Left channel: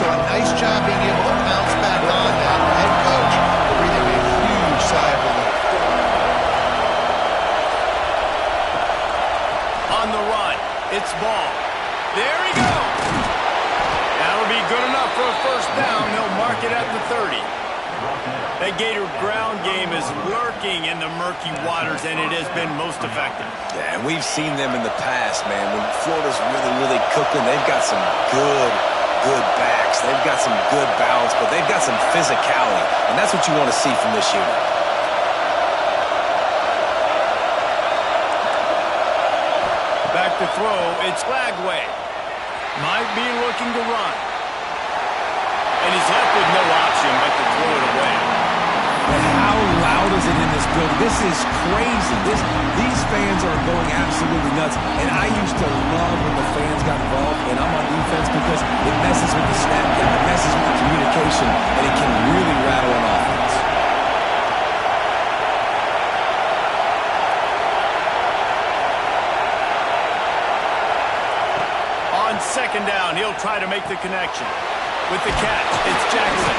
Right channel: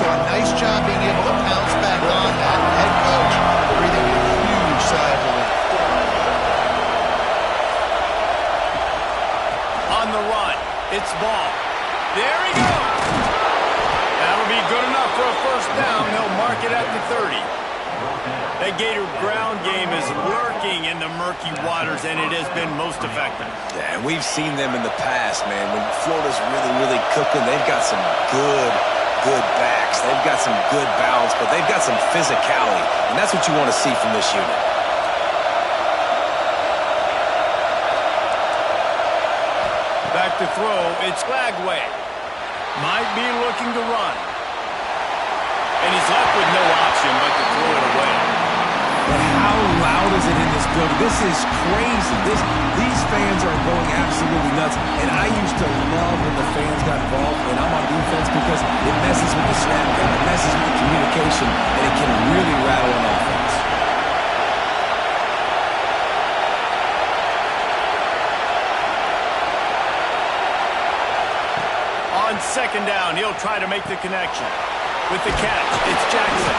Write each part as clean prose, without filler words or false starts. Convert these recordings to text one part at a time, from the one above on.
So a nice job being able to pounce back on that. The head coach breathing a huge sigh of relief. On the run, it's ball. There he goes. That'll be good enough for a first down. They'll mark it at the 30. That Gator ground game is lurking in the murky waters, and it has been most effective. Yeah, and we've seen them in the past, man. When Florida's really, really cooking, they've got some good backs. They've got some good balance, but they've got some physicality, and that's what you want to see from this unit. Back to throw, it's Lagway. Might be looking to run. And he's left with no option but to throw it away. And how loud is it in this building? This is crazy. These fans are going absolutely nuts. And I used to love when the fans got involved, and I'm on defense because it messes with the snap count, it messes with the communication, and it can really rattle an offense. On second down, he'll try to make the connection. With the catch, it's Jackson.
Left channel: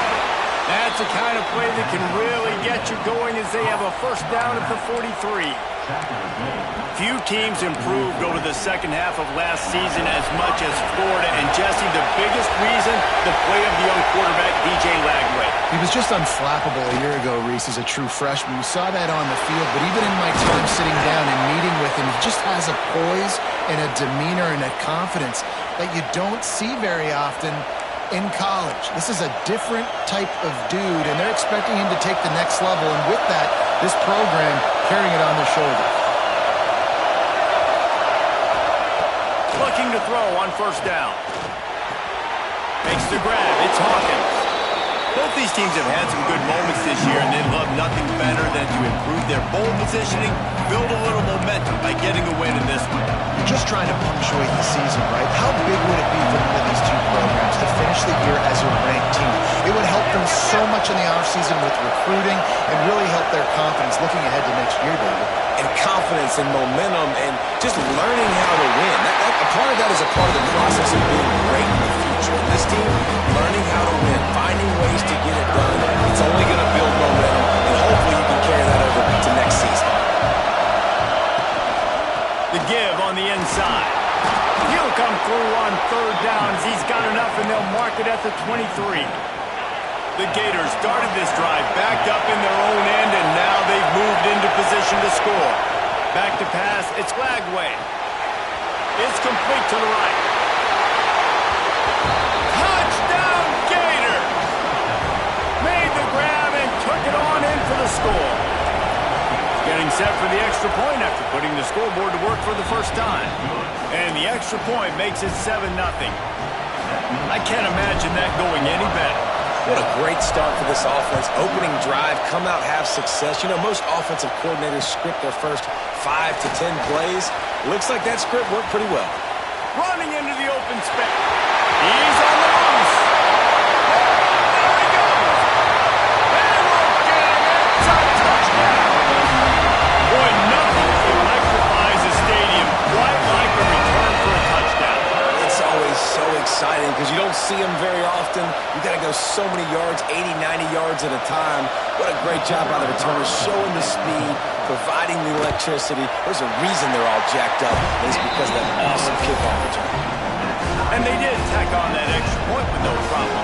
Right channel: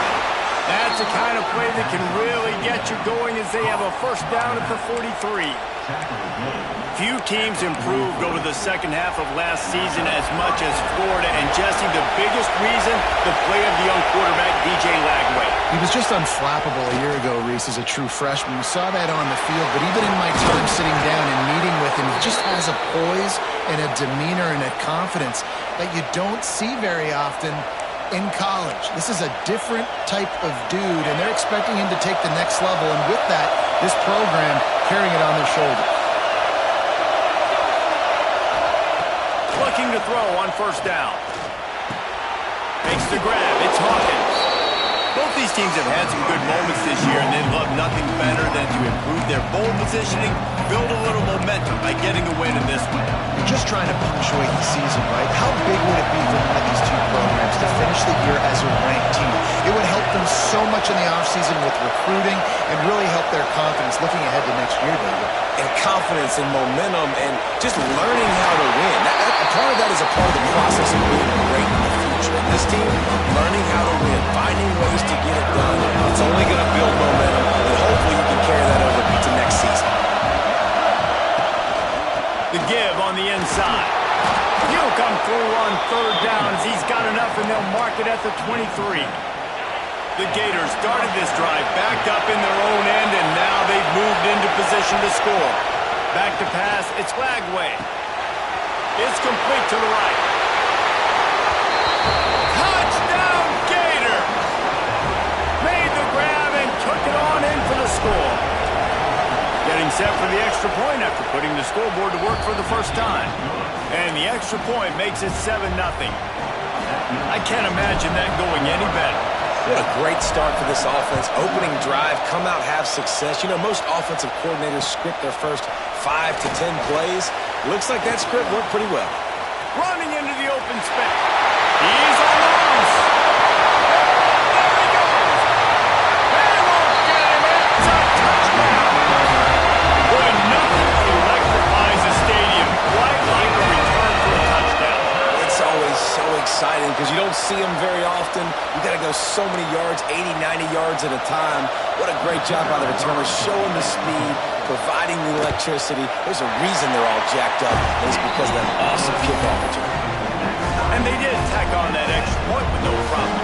That's the kind of play that can really get you going as they have a first down at the 43. Few teams improved over the second half of last season as much as Florida. And, Jesse, the biggest reason, the play of the young quarterback, DJ Lagway. He was just unflappable a year ago, Reese, as a true freshman. We saw that on the field, but even in my time sitting down and meeting with him, he just has a poise and a demeanor and a confidence that you don't see very often in college. This is a different type of dude, and they're expecting him to take the next level, and with that, this program carrying it on their shoulders. Looking to throw on first down. Makes the grab. It's Hawkins. Both these teams have had some good moments this year, and they'd love nothing better than to improve their bowl positioning, build a little momentum by getting a win in this one. You're just trying to punctuate the season, right? How big would it be for one of these two programs to finish the year as a ranked team? It would help them so much in the offseason with recruiting and really help their confidence looking ahead to next year, David. And confidence and momentum and just learning how to win. A part of that is a part of the process of being great in the future. And this team, learning how to win, finding ways to get it done, it's only going to build momentum, and hopefully you can carry that over to next season. The give on the inside. He'll come through on third down as he's got enough, and they'll mark it at the 23. The Gators started this drive backed up in their own end, and now they've moved into position to score. Back to pass, it's Lagway. It's complete to the right. Touchdown, Gators! Made the grab and took it on in for the score. Getting set for the extra point after putting the scoreboard to work for the first time. And the extra point makes it 7-0. I can't imagine that going any better. What a great start for this offense. Opening drive, come out, have success. You know, most offensive coordinators script their first 5 to 10 plays. Looks like that script worked pretty well. Running into the open space. He's on the loose. And there he goes. They won't get him. It's a touchdown. Boy, nothing electrifies a stadium quite like a return for a touchdown. It's always so exciting because you don't see them very often. You got to go so many yards, 80, 90 yards at a time. What a great job by the returners, showing the speed, providing the electricity. There's a reason they're all jacked up, and it's because of that awesome kickoff return. And they did tack on that extra point with no problem.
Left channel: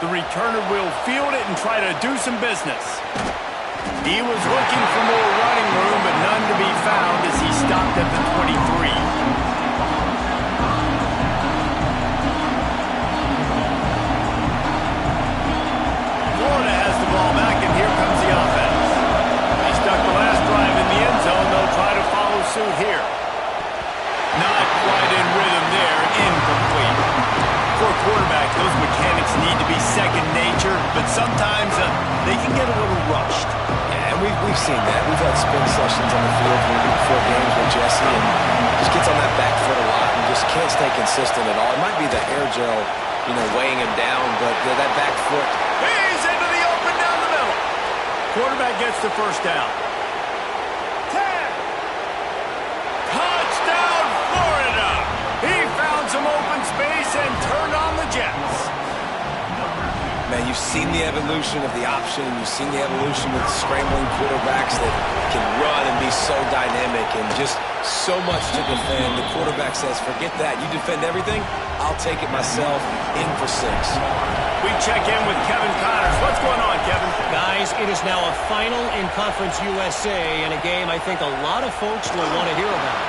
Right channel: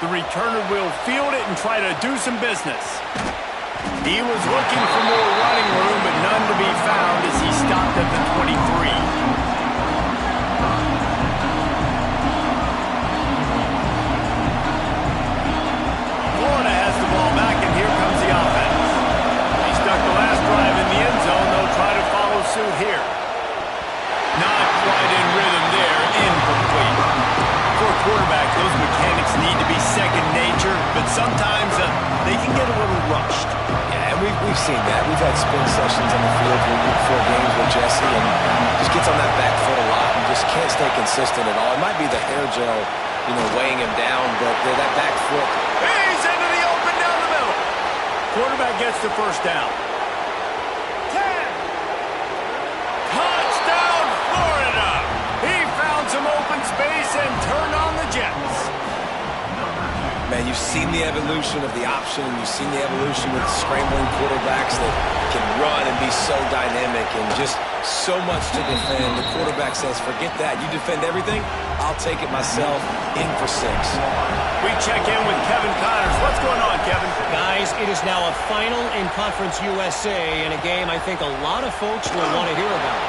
The returner will field it and try to do some business. He was looking for more running room, but none to be found as he stopped at the 23. Florida has the ball back, and here comes the offense. They stuck the last drive in the end zone. They'll try to follow suit here. Not quite in rhythm there. Incomplete. For a quarterback, those mechanics need to be second nature, but sometimes they can get a little rushed. Yeah, and we've seen that. We've had spin sessions on the field before games with Jesse, and just gets on that back foot a lot and just can't stay consistent at all. It might be the air gel, weighing him down, but that back foot. He's into the open down the middle. Quarterback gets the first down. 10. Jets. Man, you've seen the evolution of the option, and you've seen the evolution with scrambling quarterbacks that can run and be so dynamic and just so much to defend. The quarterback says, forget that. You defend everything, I'll take it myself. In for 6. We check in with Kevin Connors. What's going on, Kevin? Guys, it is now a final in Conference USA and a game I think a lot of folks will want to hear about.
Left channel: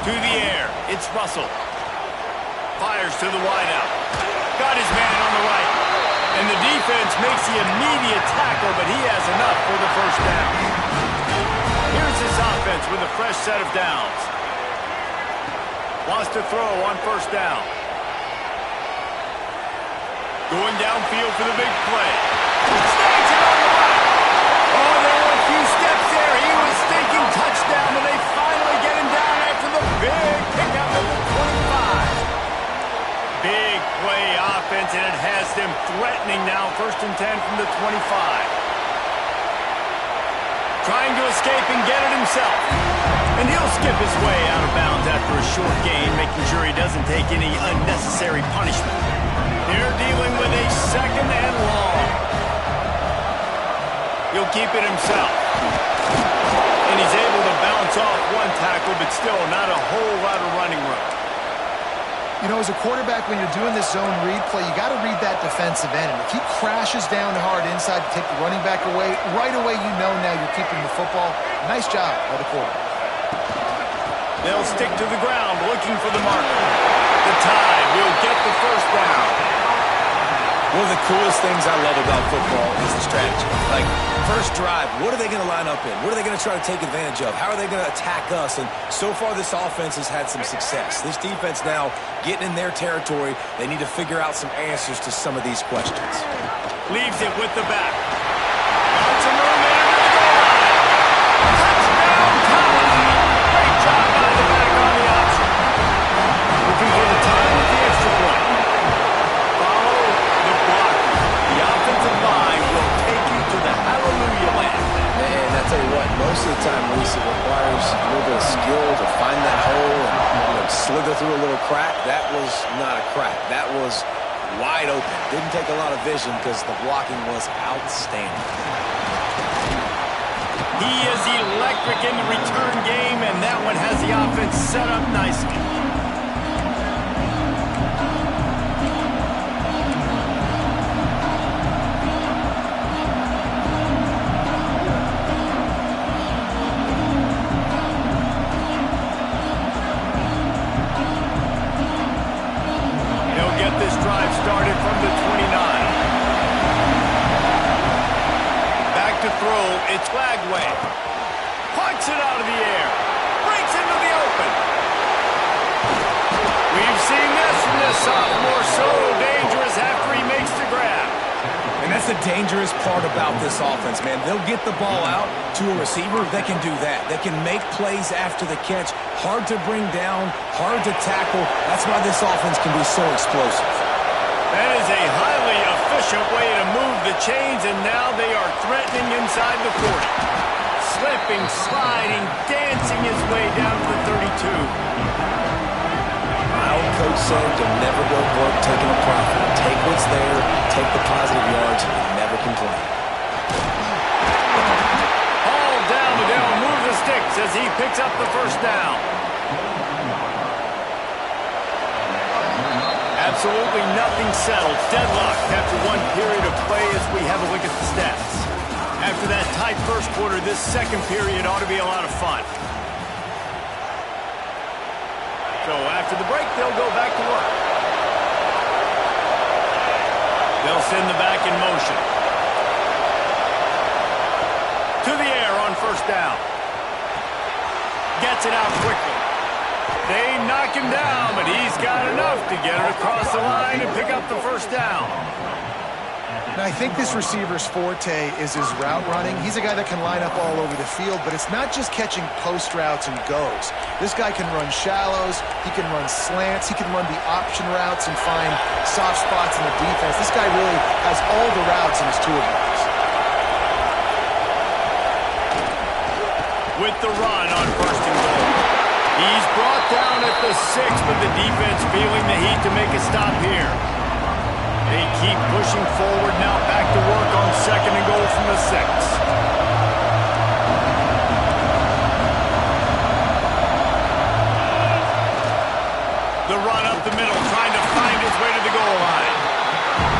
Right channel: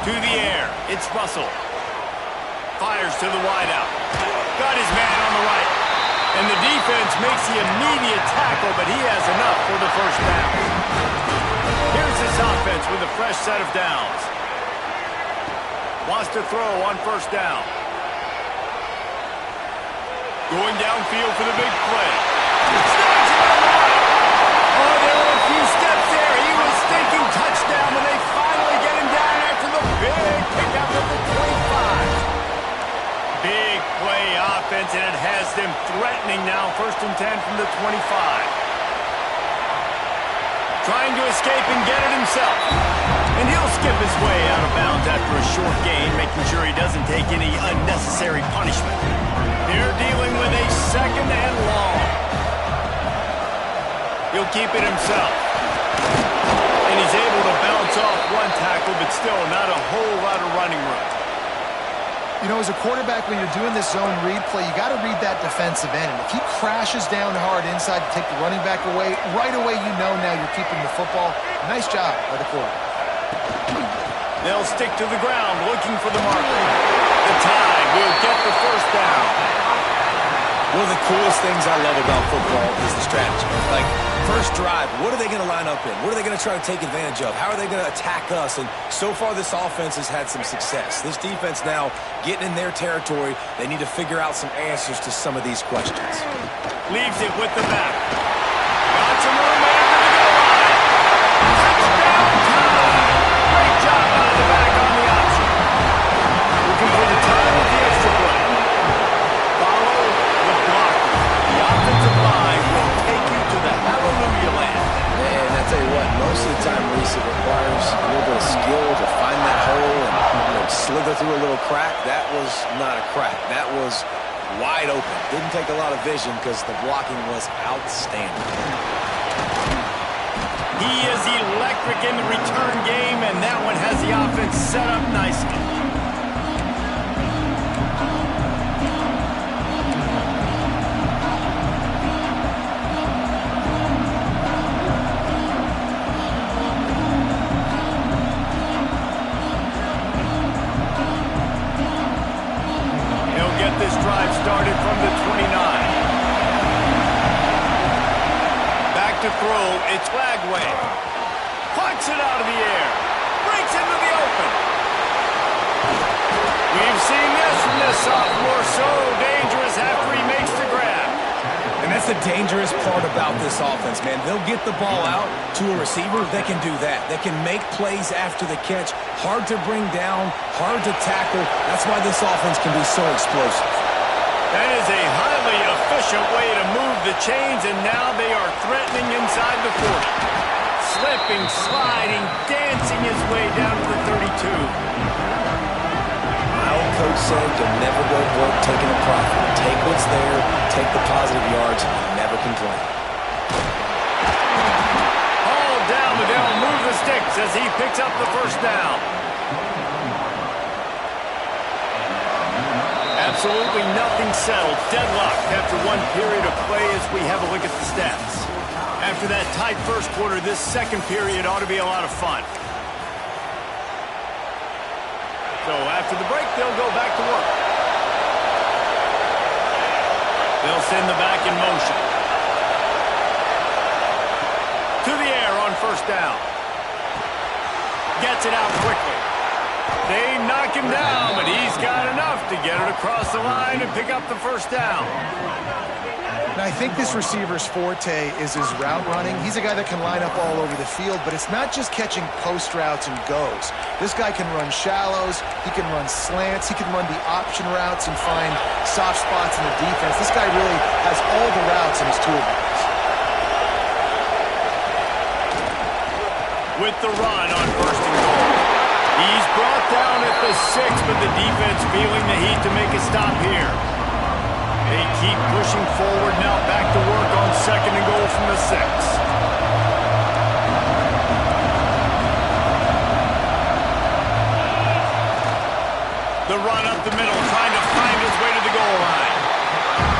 To the air, it's Russell. Fires to the wideout. Got his man on the right. And the defense makes the immediate tackle, but he has enough for the first down. Here's this offense with a fresh set of downs. Wants to throw on first down. Going downfield for the big play. Snags it on the right. Oh, there were a few steps there. He was thinking touchdown, but they finally get him down after the big pickup of the 25. Big play offense, and it has them threatening now. 1st and 10 from the 25. Trying to escape and get it himself. And he'll skip his way out of bounds after a short gain, making sure he doesn't take any unnecessary punishment. They're dealing with a 2nd and long. He'll keep it himself. And he's able to bounce off one tackle, but still not a whole lot of running room. You know, as a quarterback, when you're doing this zone read play, you got to read that defensive end. And if he crashes down hard inside to take the running back away, right away you know now you're keeping the football. Nice job by the quarterback. They'll stick to the ground looking for the marker. The Tide will get the first down. One of the coolest things I love about football is the strategy. Like, first drive, what are they going to line up in? What are they going to try to take advantage of? How are they going to attack us? And so far, this offense has had some success. This defense now getting in their territory. They need to figure out some answers to some of these questions. Leaves it with the back. Got some room in under the goal line. Touchdown Tide! Great job by the back on the option. Looking for the time with the extra point. Follow the blocker. The offensive line will take you to the hallelujah land. And I tell you what, most of the time, Reese, it requires a little bit of skill to find that hole and slither through a little crack. That was not a crack. That was wide open. Didn't take a lot of vision because the blocking was outstanding. He is electric in the return game, and that one has the offense set up nicely. Get this drive started from the 29. Back to throw, it's Flagway. Punts it out of the air. Breaks into the open. We've seen this from this sophomore, so dangerous after he makes the grab. And that's the dangerous part about this offense, man. They'll get the ball out to a receiver. They can do that. They can make plays after the catch. Hard to bring down, hard to tackle. That's why this offense can be so explosive. That is a highly efficient way to move the chains, and now they are threatening inside the 40. Slipping, sliding, dancing his way down to the 32. My old coach said you'll never go broke taking a profit. Take what's there, take the positive yards, and never complain. Hauled down, but they'll move the sticks as he picks up the first down. Absolutely nothing settled. Deadlocked after one period of play as we have a look at the stats. After that tight first quarter, this second period ought to be a lot of fun. So after the break, they'll go back to work. They'll send the back in motion. To the air on first down. Gets it out quickly. They knock him down, but he's got enough to get it across the line and pick up the first down. And I think this receiver's forte is his route running. He's a guy that can line up all over the field, but it's not just catching post routes and goes. This guy can run shallows, he can run slants, he can run the option routes and find soft spots in the defense. This guy really has all the routes in his toolbox. With the run on 1st and goal. He's brought down at the 6, but the defense feeling the heat to make a stop here. They keep pushing forward now, back to work on 2nd and goal from the 6. The run up the middle, trying to find his way to the goal line.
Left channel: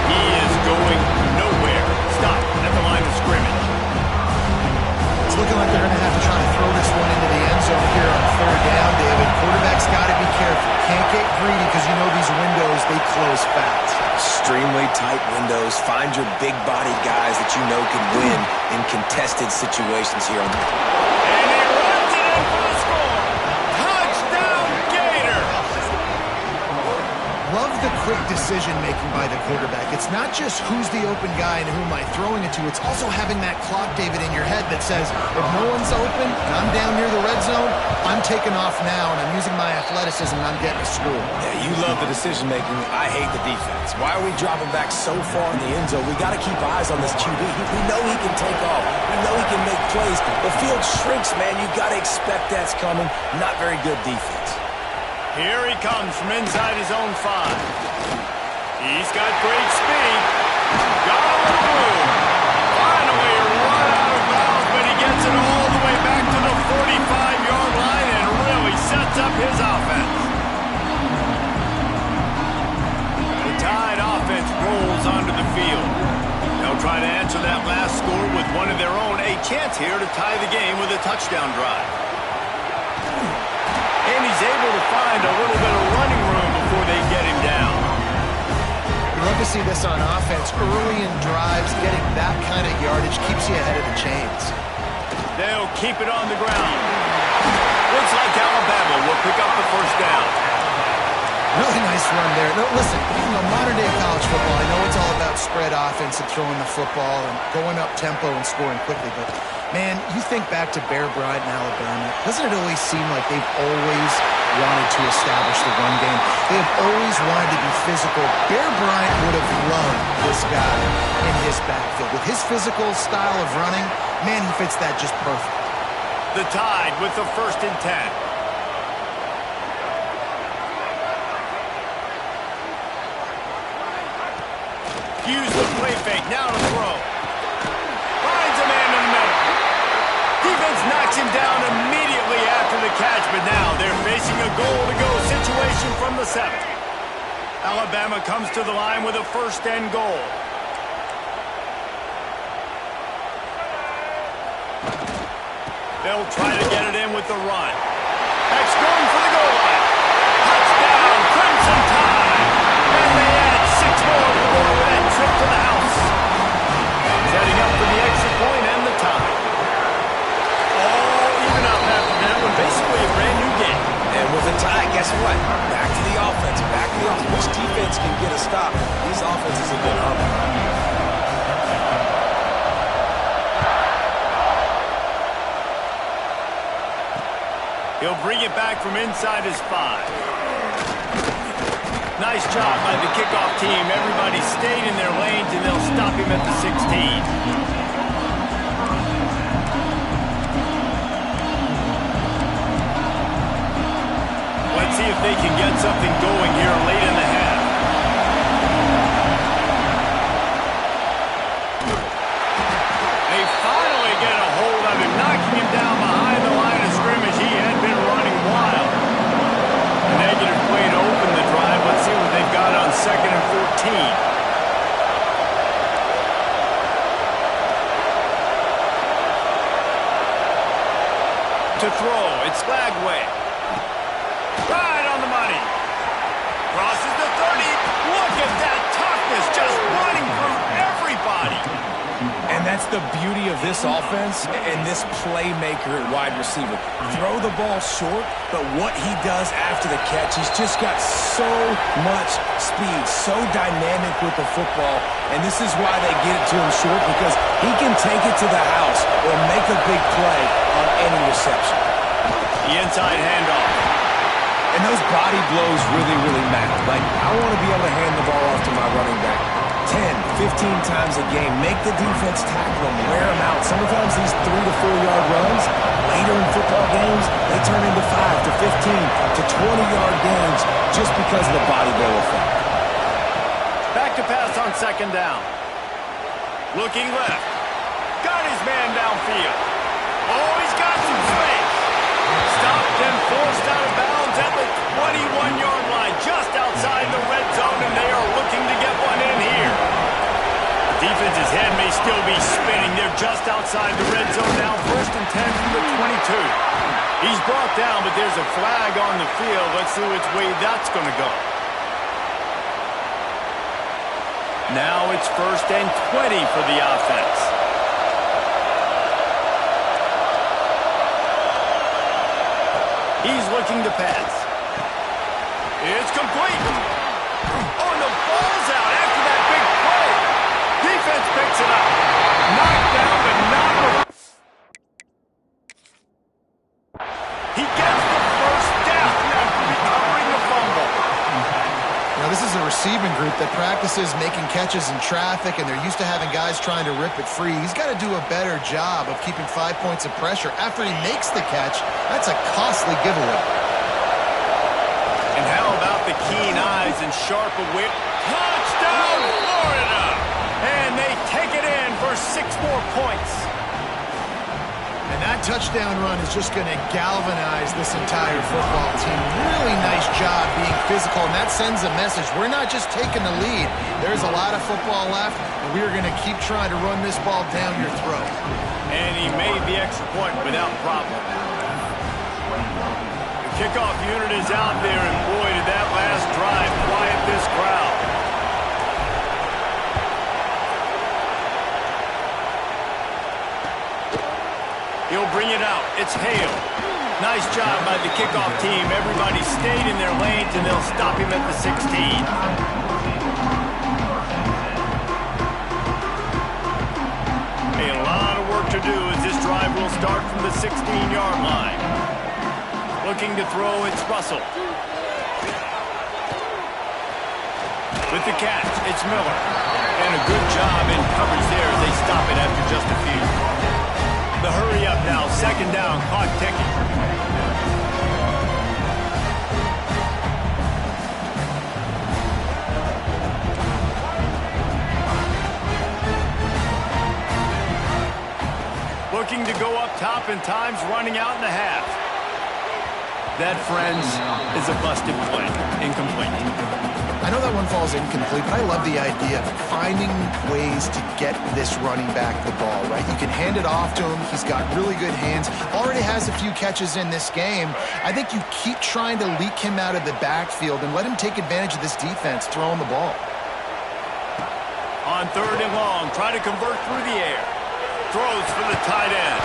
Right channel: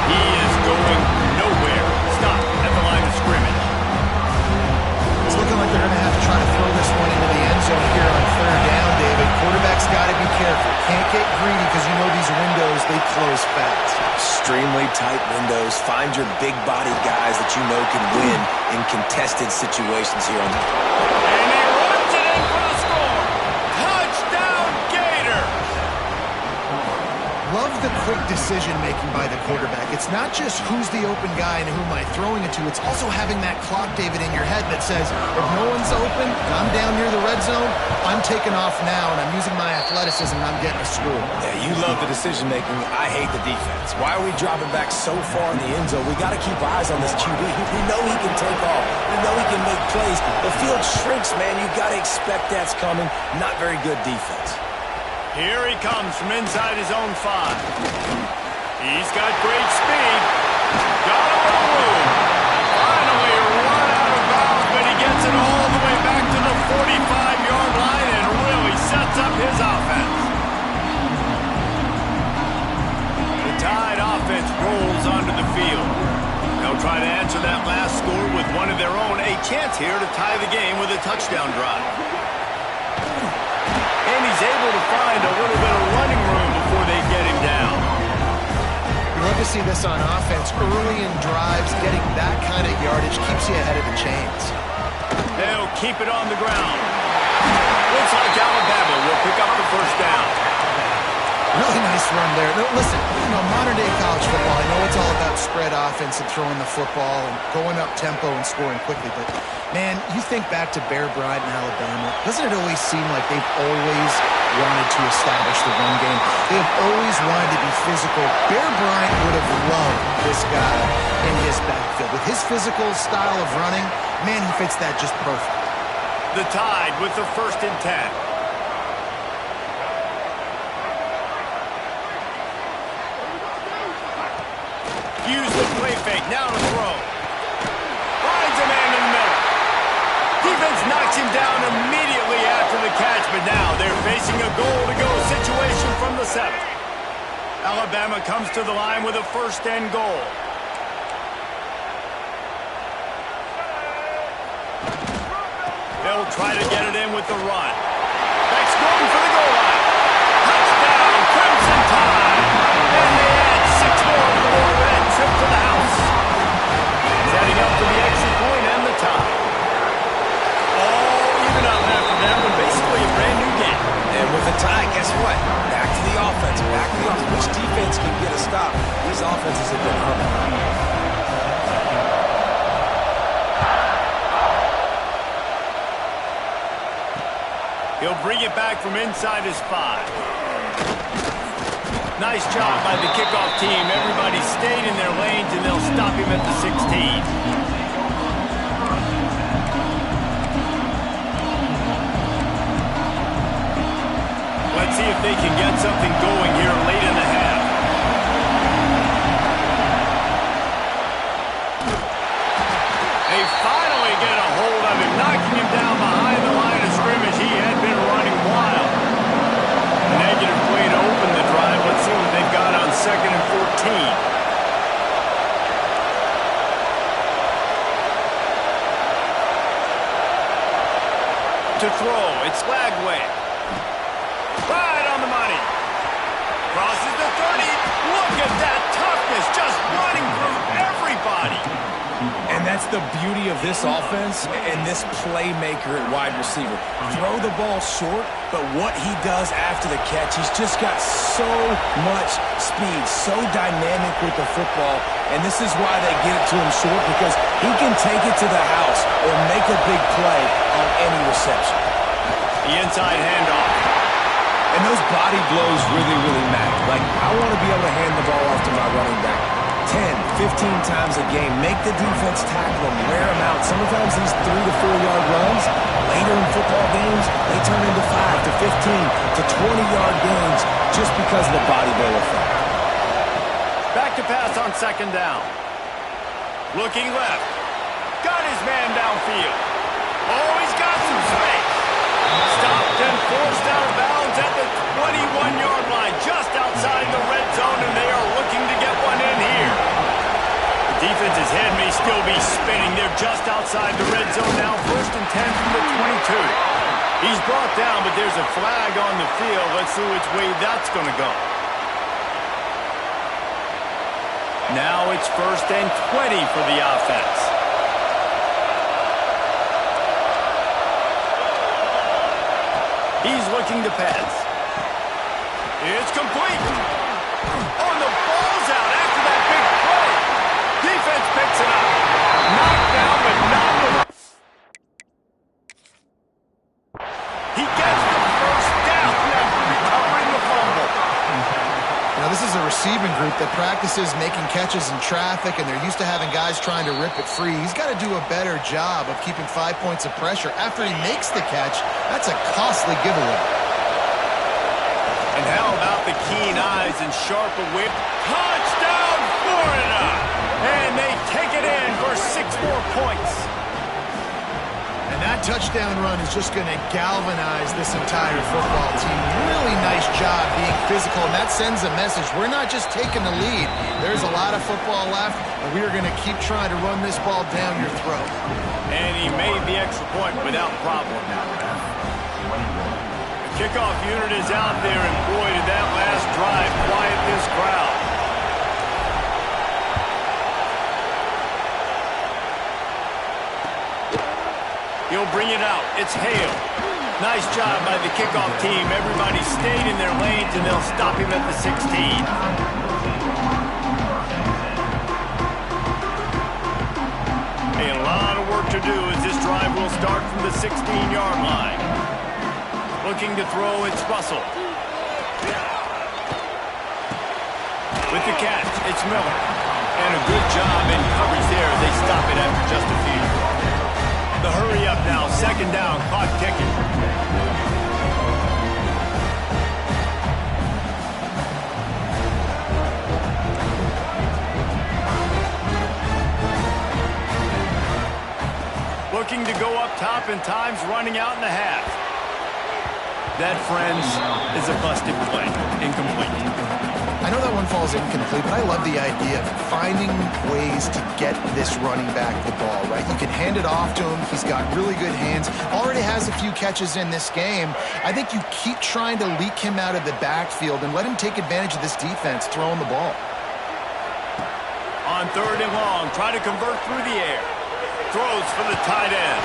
He is going nowhere. Stop at the line of scrimmage. It's looking like they're going to have to try to throw this one into the end zone here on 3rd down, David. Quarterback's got to be careful. Can't get greedy because you know these windows, they close fast. Extremely tight windows. Find your big body guys that you know can win in contested situations here on the... And he runs it in for the score. Touchdown, Gator! Love the quick decision-making by the quarterback. It's not just who's the open guy and who am I throwing it to. It's also having that clock, David, in your head that says, if no one's open and I'm down near the red zone, I'm taking off now and I'm using my athleticism and I'm getting a score. Yeah, you love the decision-making. I hate the defense. Why are we dropping back so far in the end zone? We got to keep eyes on this QB. We know he can take off. We know he can make plays. The field shrinks, man. You got to expect that's coming. Not very good defense. Here he comes from inside his own 5. He's got great speed. Got a little room. Finally run out of bounds, but he gets it all the way back to the 45-yard line and really sets up his offense. The Tide offense rolls onto the field. They'll try to answer that last score with one of their own. A chance here to tie the game with a touchdown drive. And he's able to find a little bit of running room before they get him down. You love to see this on offense. Early in drives, getting that kind of yardage keeps you ahead of the chains. They'll keep it on the ground. Looks like Alabama will pick up the 1st down. Really nice run there. No, listen, modern-day college football, I know it's all about spread offense and throwing the football and going up tempo and scoring quickly, but, man, you think back to Bear Bryant in Alabama, doesn't it always seem like they've always wanted to establish the run game? They have always wanted to be physical. Bear Bryant would have loved this guy in his backfield. With his physical style of running, man, he fits that just perfect. The Tide with the 1st and 10. Use the play fake, now to throw. Finds a man in the middle. Defense knocks him down immediately after the catch, but now they're facing a goal-to-go situation from the 7. Alabama comes to the line with a 1st and goal. They'll try to get it in with the run. Beck's going for the goal line. Touchdown, Crimson Tide. And they add 6 more to the board with that trip to the house. Setting up for the extra point and the tie. All even up after that one. Basically a brand new game. And with a tie, guess what? Back to the offense. Back to the offense. Which defense can get a stop? These offenses have been humming. He'll bring it back from inside his 5. Nice job by the kickoff team. Everybody stayed in their lanes, and they'll stop him at the 16. Let's see if they can get something going here late in the half. They finally get a hold of him, knocking him down behind the line of scrimmage. He had been running wild. A negative play to open the drive. Let's see what they've got on 2nd and 14. To throw, it's Lagway. Right on the money. Crosses the 30. Look at that toughness, just running through everybody. And And that's the beauty of this offense and this playmaker at wide receiver. Throw the ball short, but what he does after the catch, he's just got so much speed, so dynamic with the football. And this is why they get it to him short, because he can take it to the house or make a big play on any reception. The inside handoff. And those body blows really, really matter. Like, I want to be able to hand the ball off to my running back 10, 15 times a game. Make the defense tackle them, wear them out. Sometimes these 3 to 4 yard runs, later in football games, they turn into 5 to 15 to 20-yard gains just because of the body blow effect. Back to pass on second down. Looking left. Got his man downfield. Oh, he's got some space. Stopped and forced out of bounds at the 21-yard line, just outside the red zone, and they are looking to get one in here. The defense's head may still be spinning. They're just outside the red zone now, 1st and 10 from the 22. He's brought down, but there's a flag on the field. Let's see which way that's going to go. Now it's 1st and 20 for the offense. He's looking to pass. It's complete. Oh, and the ball's out after that big play. Defense picks it up. Knocked down, but not with... He gets the first down after recovering the fumble. You know, this is a receiving group that practices making catches in traffic, and they're used to having guys trying to rip it free. He's got to do a better job of keeping 5 points of pressure. After he makes the catch, that's a costly giveaway. And how about the keen eyes and sharp awareness? Touchdown, Florida! And they take it in for 6 more points. And that touchdown run is just going to galvanize this entire football team. Really nice job being physical, and that sends a message. We're not just taking the lead. There's a lot of football left, and we are going to keep trying to run this ball down your throat. And he made the extra point without problem. The kickoff unit is out there, and boy, did that last drive quiet this crowd. He'll bring it out. It's Hale. Nice job by the kickoff team. Everybody stayed in their lanes, and they'll stop him at the 16. Hey, a lot of work to do as this drive will start from the 16-yard line. Looking to throw, it's Russell. With the catch, it's Miller. And a good job in coverage there as they stop it after just a few. The hurry up now, 2nd down, clock ticking. Looking to go up top, and time's running out in the half. That, friends, is a busted play. Incomplete. I know that one falls incomplete, but I love the idea of finding ways to get this running back the ball, right? You can hand it off to him. He's got really good hands. Already has a few catches in this game. I think you keep trying to leak him out of the backfield and let him take advantage of this defense throwing the ball. On 3rd and long, try to convert through the air. Throws for the tight end.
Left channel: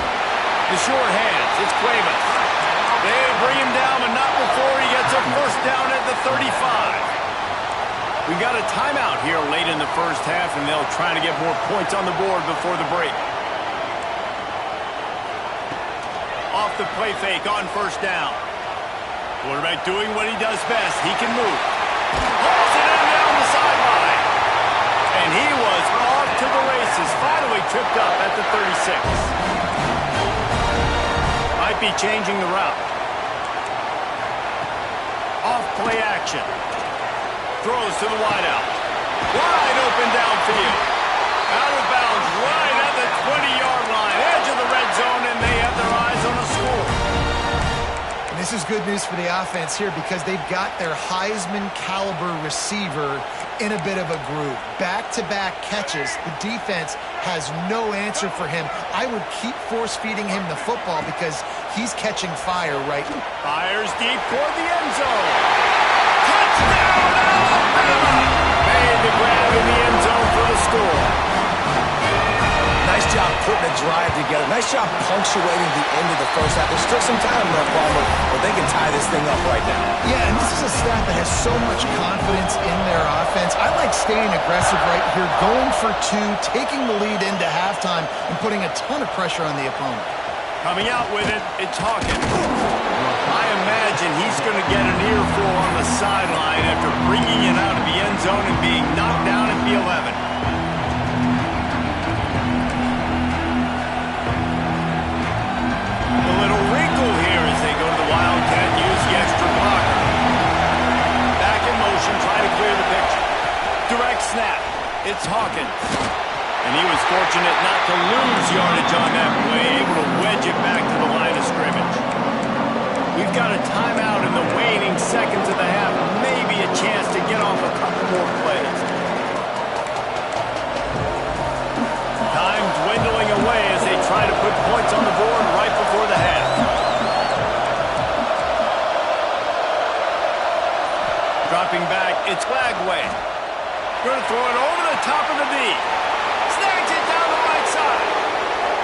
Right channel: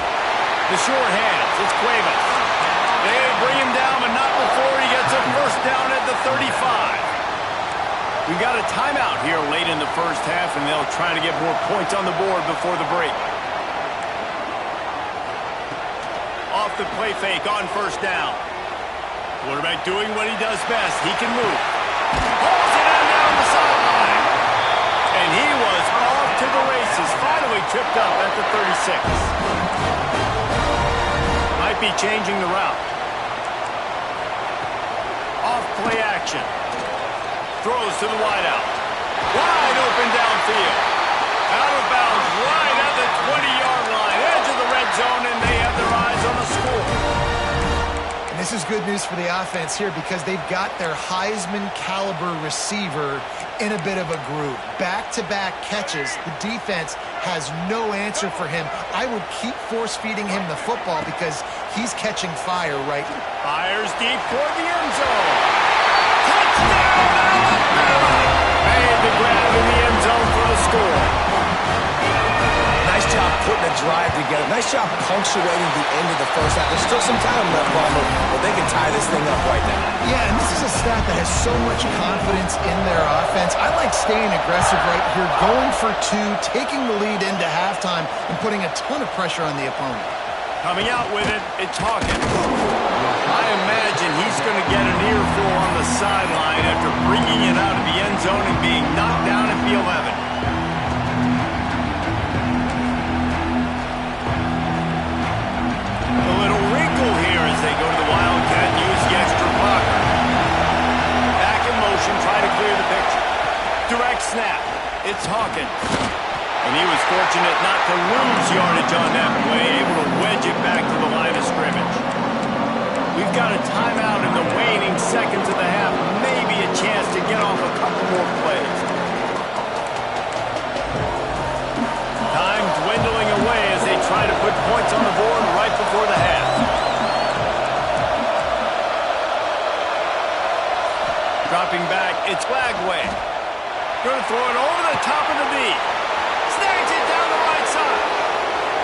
The short hands, it's Cuevas. They bring him down, but not before he gets a 1st down at the 35. We got a timeout here late in the first half, and they'll try to get more points on the board before the break. Off the play fake on 1st down. Quarterback doing what he does best. He can move. Hauls it in down the sideline. And he was off to the races. Finally tripped up at the 36. Might be changing the route. Off play action. Throws to the wideout. Wide open downfield. Out of bounds right at the 20-yard line. Edge of the red zone, and they have their eyes on a score. And this is good news for the offense here because they've got their Heisman-caliber receiver in a bit of a groove. Back-to-back catches. The defense has no answer for him. I would keep force-feeding him the football because he's catching fire right now. Fires deep toward the end zone. Touchdown, Alabama! Made the grab in the end zone for the score. Nice job putting a drive together. Nice job punctuating the end of the first half. There's still some time left, Palmer, but they can tie this thing up right now. Yeah, and this is a staff that has so much confidence in their offense. I like staying aggressive right here, going for two, taking the lead into halftime, and putting a ton of pressure on the opponent. Coming out with it, it's Hawkins. I imagine he's going to get an earful on the sideline after bringing it out of the end zone and being knocked down at the 11. A little wrinkle here as they go to the Wildcat and use the extra blocker. Back in motion, try to clear the picture. Direct snap. It's Hawkins. And he was fortunate not to lose yardage on that play, able to wedge it back to the line of scrimmage. We've got a timeout in the waning seconds of the half, maybe a chance to get off a couple more plays. Time dwindling away as they try to put points on the board right before the half. Dropping back, it's Flagway. Going to throw it over the top of the D. Snags it down the right side.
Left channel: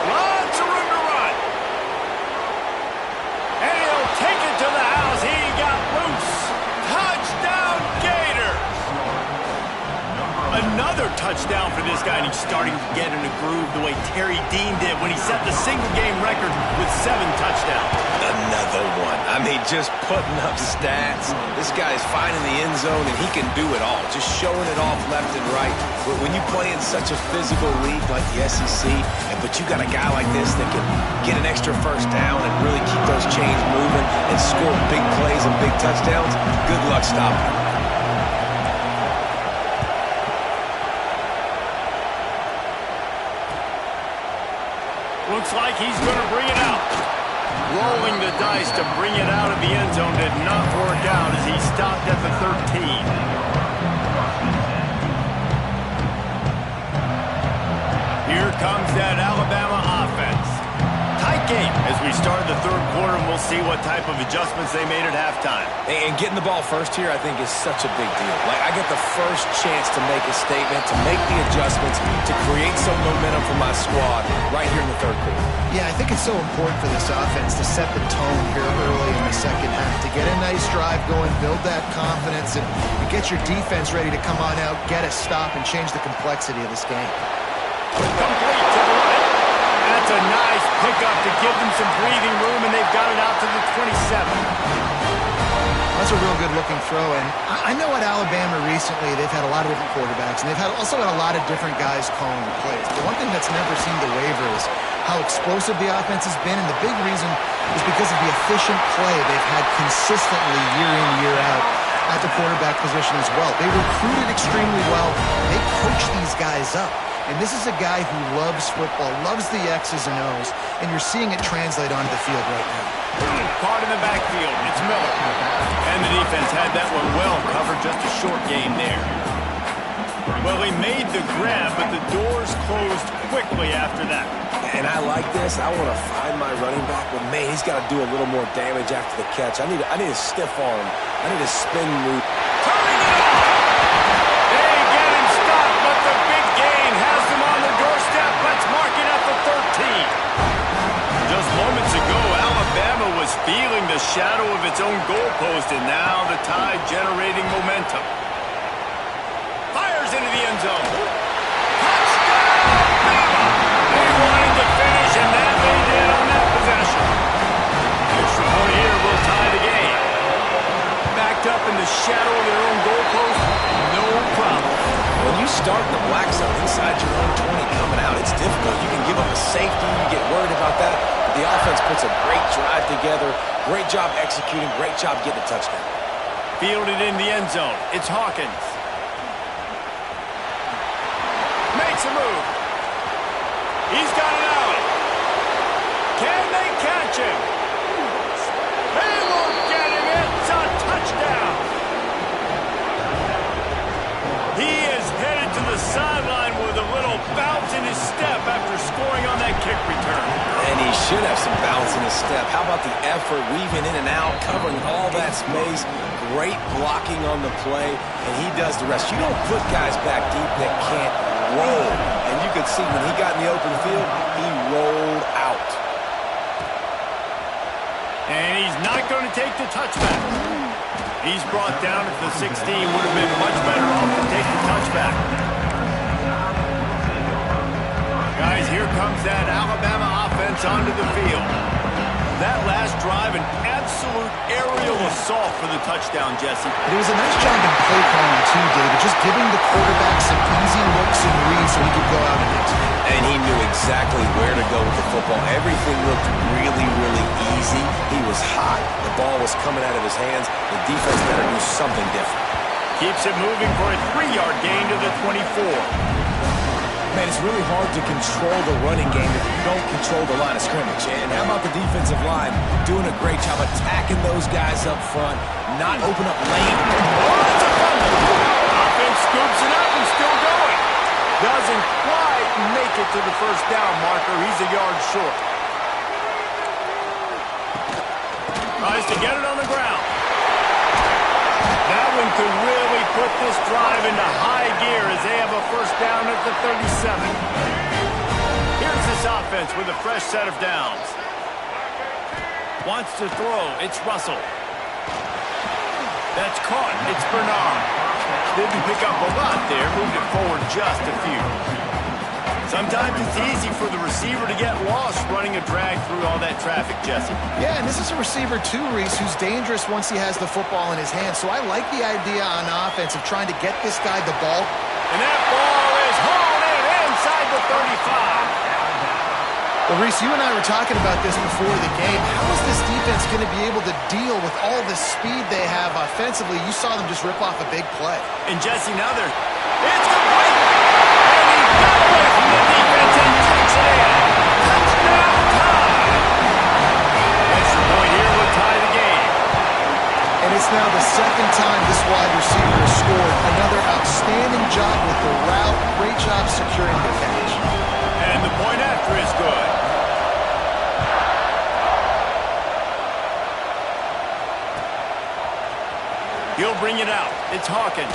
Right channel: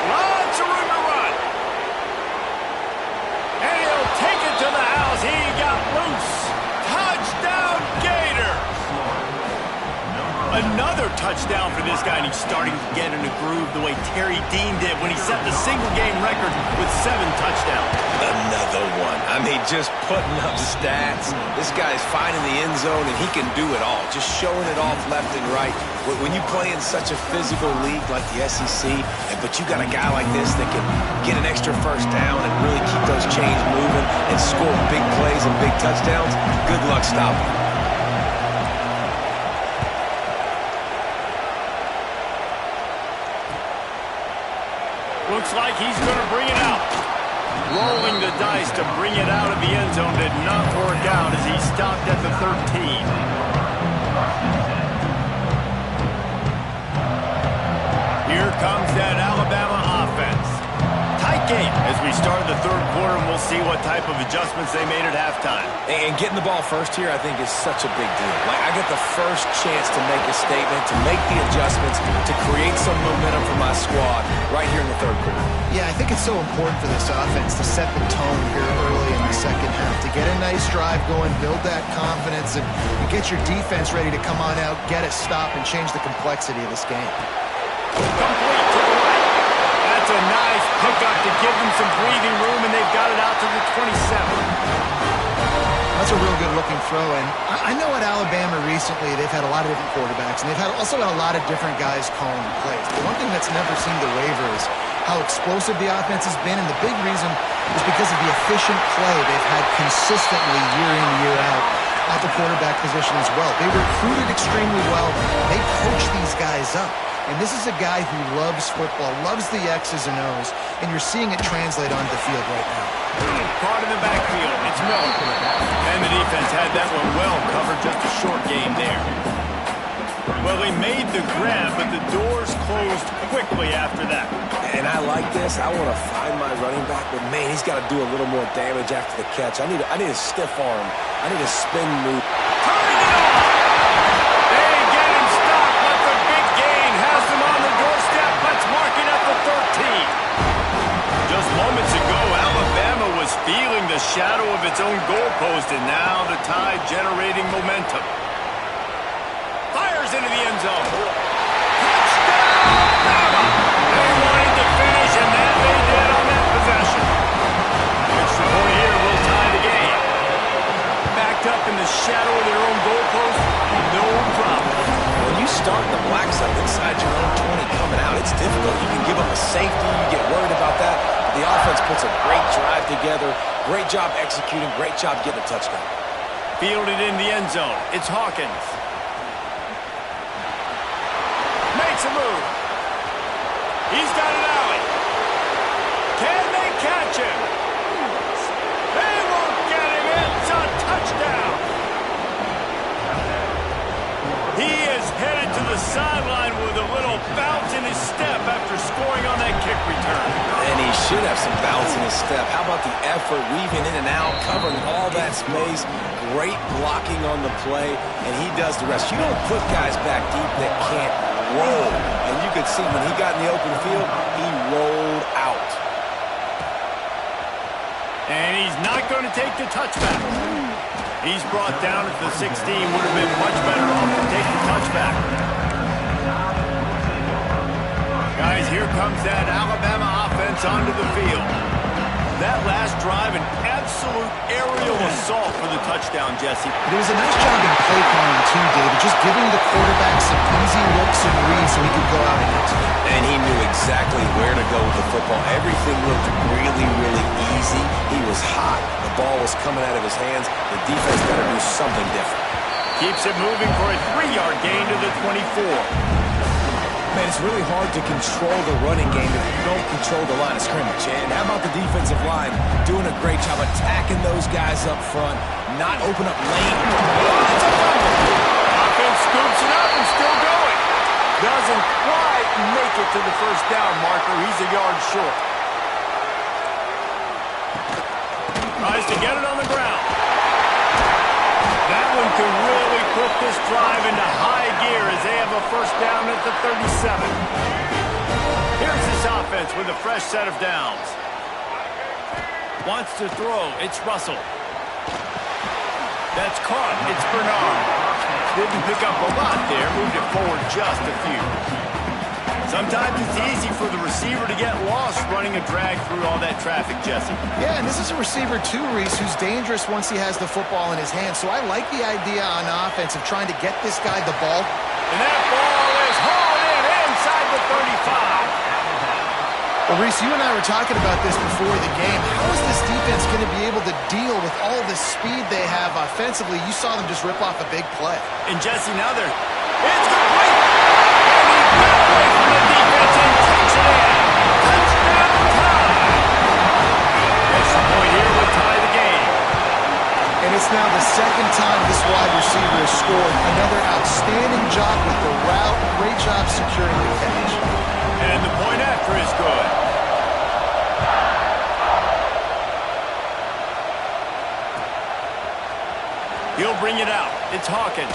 Lots of room to run. And he'll take it to the house. He got loose. Touchdown, Gators. Another touchdown for this guy, and he's starting to get in a groove the way Terry Dean did when he set the single-game record with 7 touchdowns. Another one. I mean, just putting up stats. This guy's finding the end zone, and he can do it all. Just showing it off left and right. When you play in such a physical league like the SEC, but you got a guy like this that can get an extra first down and really keep those chains moving and score big plays and big touchdowns, good luck stopping him. Looks like he's going to bring it out. Rolling the dice to bring it out of the end zone did not work out as he stopped at the 13. Here comes that Alabama offense. Tight game as we start the third quarter, and we'll see what type of adjustments they made at halftime. And getting the ball first here, I think, is such a big deal. Like, I get the first chance to make a statement, to make the adjustments, to create some momentum for my squad right here in the third quarter. Yeah, I think it's so important for this offense to set the tone here early in the second half, to get a nice drive going, build that confidence, and get your defense ready to come on out, get a stop, and change the complexity of this game. Complete to the right. That's a nice pickup to give them some breathing room, and they've got it out to the 27. That's a real good-looking throw, and I know at Alabama recently they've had a lot of different quarterbacks, and they've also had a lot of different guys calling plays. But one thing that's never seemed to waver is how explosive the offense has been, and the big reason is because of the efficient play they've had consistently year in, year out at the quarterback position as well. They recruited extremely well. They coach these guys up. And this is a guy who loves football, loves the X's and O's, and you're seeing it translate onto the field right now. Caught in the backfield. It's Miller. And the defense had that one well covered, just a short game there. Well, they made the grab, but the doors closed quickly after that. And I like this. I want to find my running back, but, man, he's got to do a little more damage after the catch. I need a stiff arm. I need a spin move. Turning it on! They get him stopped, but the big gain has them on the doorstep. Let's mark it at the 13. Just moments ago, Alabama was feeling the shadow of its own goalpost, and now the Tide generating momentum. Fires into the end zone. Touchdown, Bama! They wanted to finish, and that they did on that possession. Extra point here will tie the game. Backed up in the shadow of their own goalpost, no problem. When you start in the black zone inside your own 20 coming out, it's difficult. You can give up a safety. You get worried about that. But the offense puts a great drive together. Great job executing. Great job getting a touchdown. Fielded in the end zone. It's Hawkins. Makes a move. He's got an alley. Can they catch him? They won't get him. It's a touchdown. He is headed to the sideline with a little bounce in his step after scoring on that kick return. And he should have some bounce in his step. How about the effort, weaving in and out, covering all that space, great blocking on the play, and he does the rest. You don't put guys back deep that can't roll. And you could see when he got in the open field, he rolled out. And he's not going to take the touchback. He's brought down at the 16. Would have been much better off to take the touchback. Guys, here comes that Alabama offense onto the field. That last drive, an absolute aerial assault for the touchdown, Jesse. But it was a nice job in play calling too, David, just giving the quarterback some easy looks and reads so he could go out and execute. And he knew exactly where to go with the football. Everything looked really, really easy. He was hot. The ball was coming out of his hands. The defense better do something different. Keeps it moving for a 3-yard gain to the 24. Man, it's really hard to control the running game if you don't control the line of scrimmage. And how about the defensive line doing a great job attacking those guys up front, not open up lane. Oh, it's a fumble. Offense scoops it up and still going. Doesn't quite make it to the first down marker. He's a yard short. Tries to get it on the ground. That one could really put this drive into high gear as they have a first down at the 37. Here's this offense with a fresh set of downs. Wants to throw. It's Russell. That's caught. It's Bernard. Didn't pick up a lot there. Moved it forward just a few. Sometimes it's easy for the receiver to get lost running a drag through all that traffic, Jesse. Yeah, and this is a receiver too, Reese, who's dangerous once he has the football in his hands. So I like the idea on offense of trying to get this guy the ball. And that ball is hauled in inside the 35. Well, Reese, you and I were talking about this before the game. How is this defense going to be able to deal with all the speed they have offensively? You saw them just rip off a big play. And Jesse, now it's complete. And he got away from the defense and takes it in. Touchdown tie. Extra point here would tie the game. And it's now the second time this wide receiver has scored. Another outstanding job with the route. Great job securing the catch. And the point after is good. He'll bring it out. It's Hawkins.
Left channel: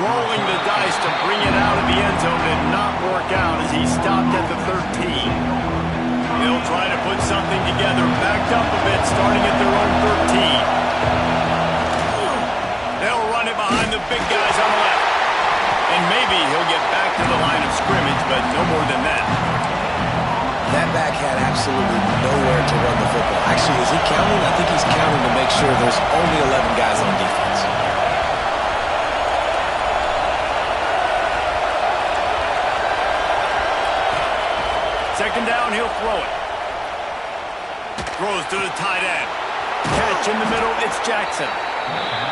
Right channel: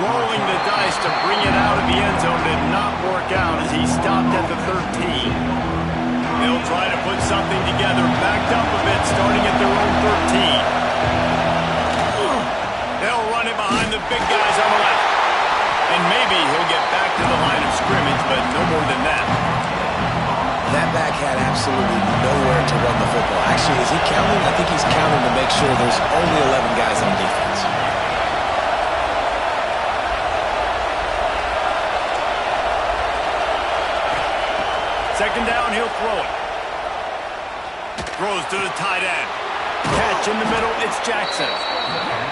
Rolling the dice to bring it out of the end zone did not work out as he stopped at the 13. They'll try to put something together, backed up a bit, starting at their own 13. They'll run it behind the big guys on the left. And maybe he'll get back to the line of scrimmage, but no more than that. That back had absolutely nowhere to run the football. Actually, is he counting? I think he's counting to make sure there's only 11 guys on defense. Second down, he'll throw it. Throws to the tight end. Catch in the middle, it's Jackson.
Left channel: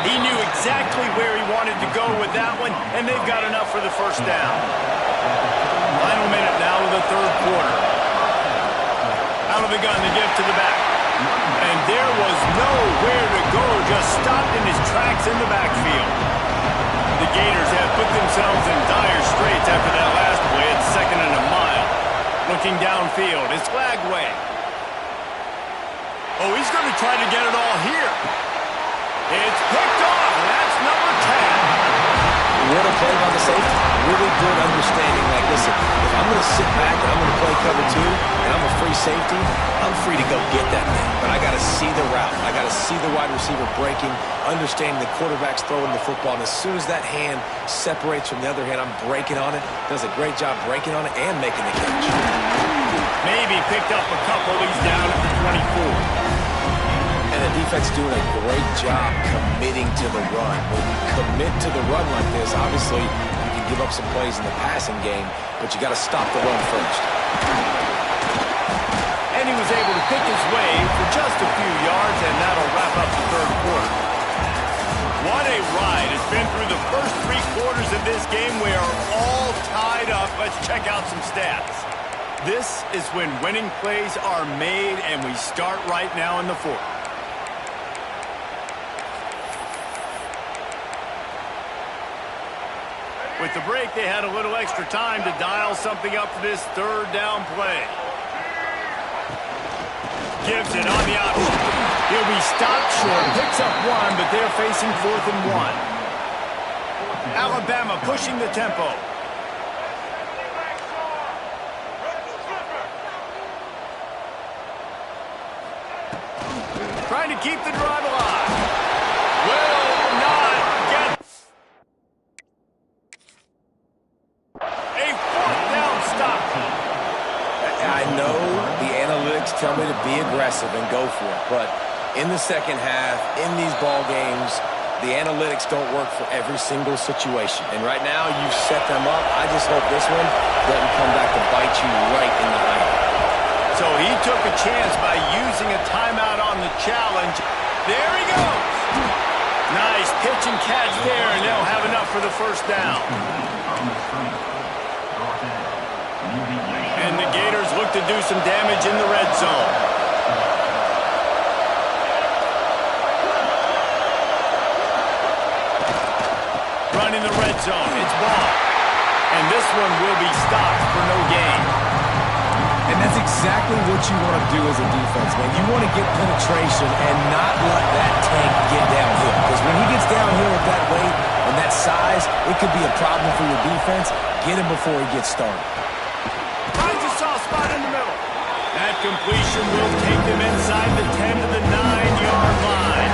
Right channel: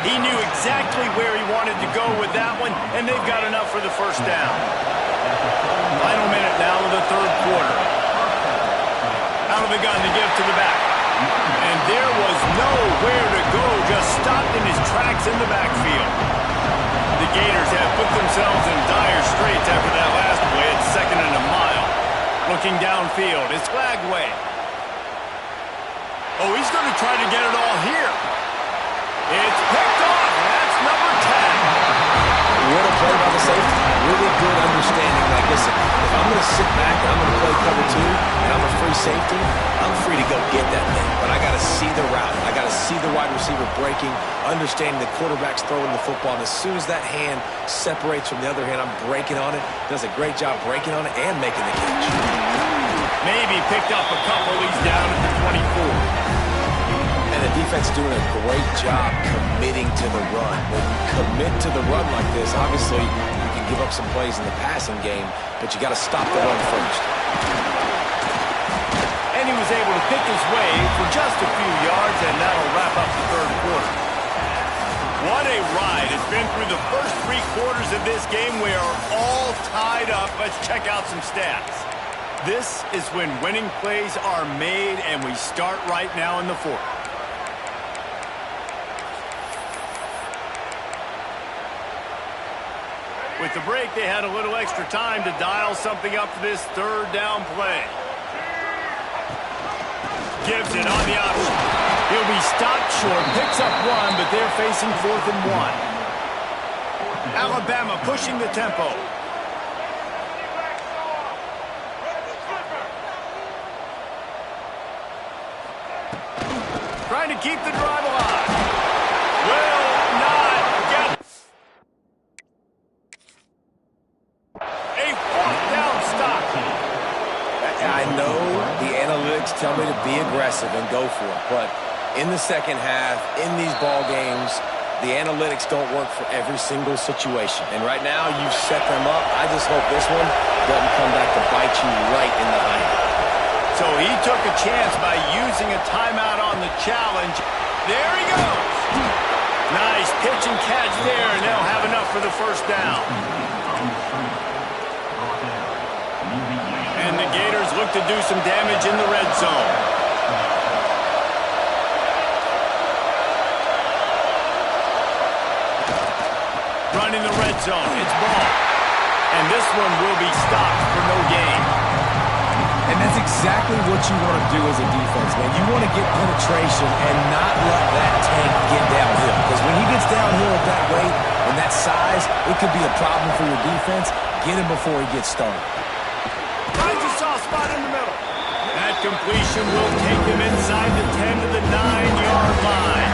He knew exactly where he wanted to go with that one, and they've got enough for the first down. Final minute now of the third quarter. Out of the gun to give to the back. And there was nowhere to go, just stopped in his tracks in the backfield. The Gators have put themselves in dire straits after that last play. It's second and a mile. Looking downfield, it's Lagway. Oh, he's going to try to get it all here. It's picked off, and that's number 10. What a play by the safety. Really good understanding. Like, listen, if I'm going to sit back and I'm going to play cover 2 and I'm a free safety, I'm free to go get that thing. But I got to see the route. I got to see the wide receiver breaking, understanding the quarterback's throwing the football. And as soon as that hand separates from the other hand, I'm breaking on it. Does a great job breaking on it and making the catch. Maybe picked up a couple. He's down at the 24. And the defense doing a great job committing to the run. When you commit to the run like this, obviously you can give up some plays in the passing game, but you got to stop the run first. And he was able to pick his way for just a few yards, and that'll wrap up the third quarter. What a ride. It's been through the first 3 quarters of this game. We are all tied up. Let's check out some stats. This is when winning plays are made, and we start right now in the fourth. With the break, they had a little extra time to dial something up for this third down play. Gives it on the option. He'll be stopped short, picks up 1, but they're facing 4th and 1. Alabama pushing the tempo. trying to keep the drive alive. Will not get a fourth down stop. I know the analytics tell me to be aggressive and go for it, but in the second half, in these ball games, the analytics don't work for every single situation. And right now, you've set them up. I just hope this one doesn't come back to bite you right in the hind. So he took a chance by using a timeout on the challenge. There he goes. Nice pitch and catch there, and they'll have enough for the first down. And the Gators look to do some damage in the red zone. Running the red zone, it's ball. And this one will be stopped for no gain. And that's exactly what you want to do as a defense, man. You want to get penetration and not let that tank get downhill. Because when he gets downhill at that weight and that size, it could be a problem for your defense. Get him before he gets started. Finds a soft spot in the middle. That completion will take them inside the 10 to the 9-yard line.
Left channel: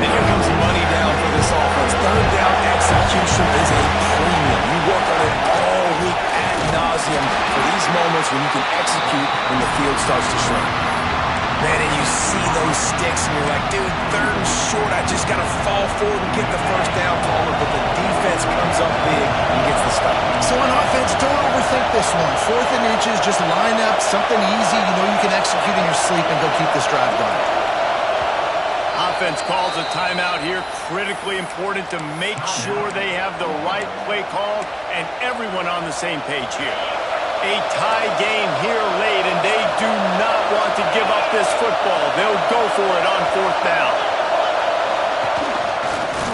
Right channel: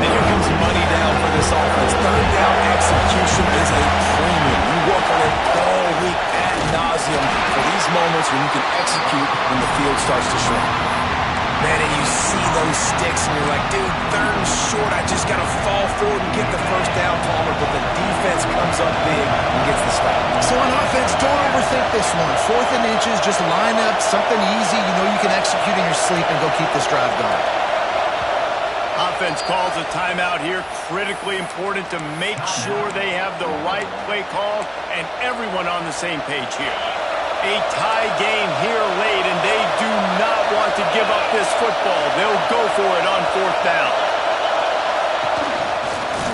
And here comes money down for this offense. Third down execution is a premium. You work on it all week ad nauseum for these moments when you can execute when the field starts to shrink. Man, and you see those sticks and you're like, dude, third and short, I just got to fall forward and get the first down, Palmer, but the defense comes up big and gets the stop. So on offense, don't overthink this one. 4th and inches, just line up, something easy. You know you can execute in your sleep and go keep this drive going. Offense calls a timeout here. Critically important to make sure they have the right play call and everyone on the same page here. A tie game here late, and they do not want to give up this football. They'll go for it on 4th down.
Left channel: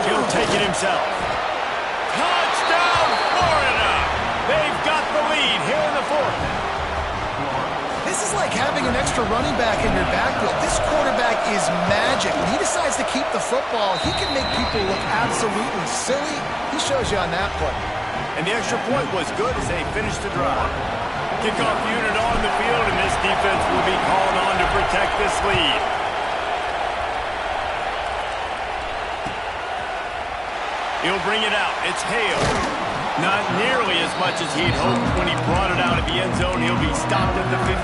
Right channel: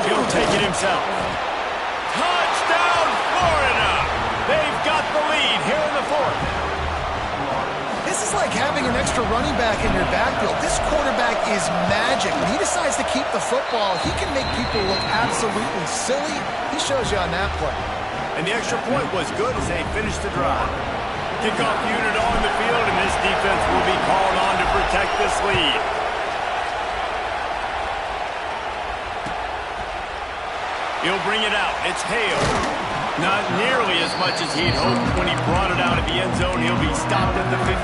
He'll take it himself. Touchdown, Florida! They've got the lead here in the 4th. This is like having an extra running back in your backfield. This quarterback is magic. When he decides to keep the football, he can make people look absolutely silly. He shows you on that play. And the extra point was good as they finished the drive. Kickoff unit on the field, and this defense will be called on to protect this lead. He'll bring it out. It's Hale. Not nearly as much as he'd hoped when he brought it out of the end zone. He'll be stopped at the 15.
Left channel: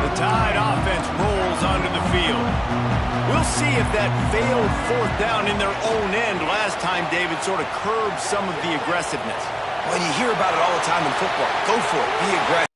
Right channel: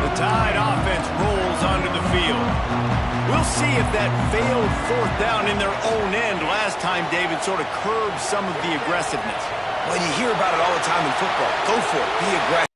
The Tide offense rolls onto the field. We'll see if that failed 4th down in their own end last time, David, sort of curbed some of the aggressiveness. Well, you hear about it all the time in football. Go for it. Be aggressive.